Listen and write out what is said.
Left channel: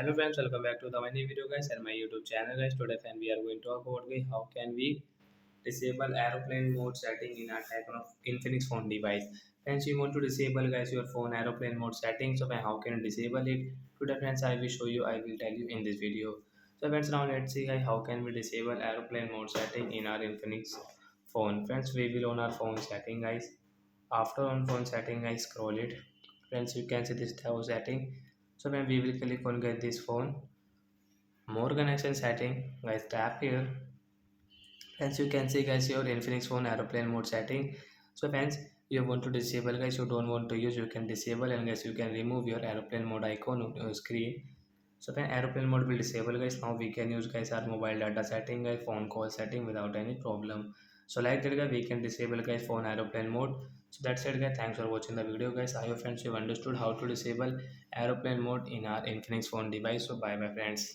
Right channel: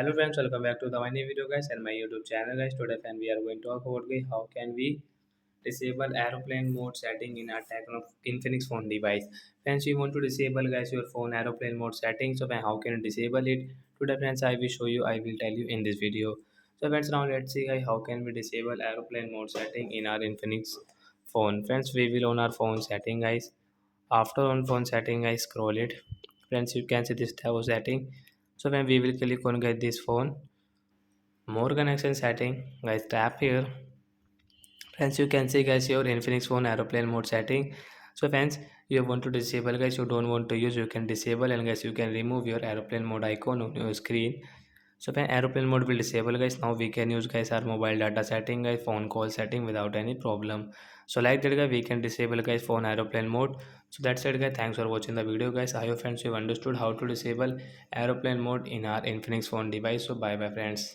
Hello friends, welcome back to the my new video guys and my YouTube channel guys. Today friend we are going to talk about guys, how can we disable aeroplane mode setting in our Infinix phone device. Friends, you want to disable guys your phone aeroplane mode setting. So friend, how can you disable it? Today friends, I will show you. I will tell you in this video. So friends, now let's see guys, how can we disable aeroplane mode setting in our Infinix phone. Friends, we will on our phone setting guys. After on phone setting, I scroll it. Friends, you can see this tab setting. So when we will click on get this phone, more connection setting, guys tap here. Friends, you can see guys your Infinix phone aeroplane mode setting. So friends, you want to disable guys, you don't want to use, you can disable, and guys you can remove your aeroplane mode icon on your screen. So when aeroplane mode will disable guys, now we can use guys our mobile data setting guys, phone call setting without any problem. So like that guys, we can disable guys phone aeroplane mode. So that's it guys, thanks for watching the video guys. I hope friends you understood how to disable aeroplane mode in our Infinix phone device. So bye bye friends.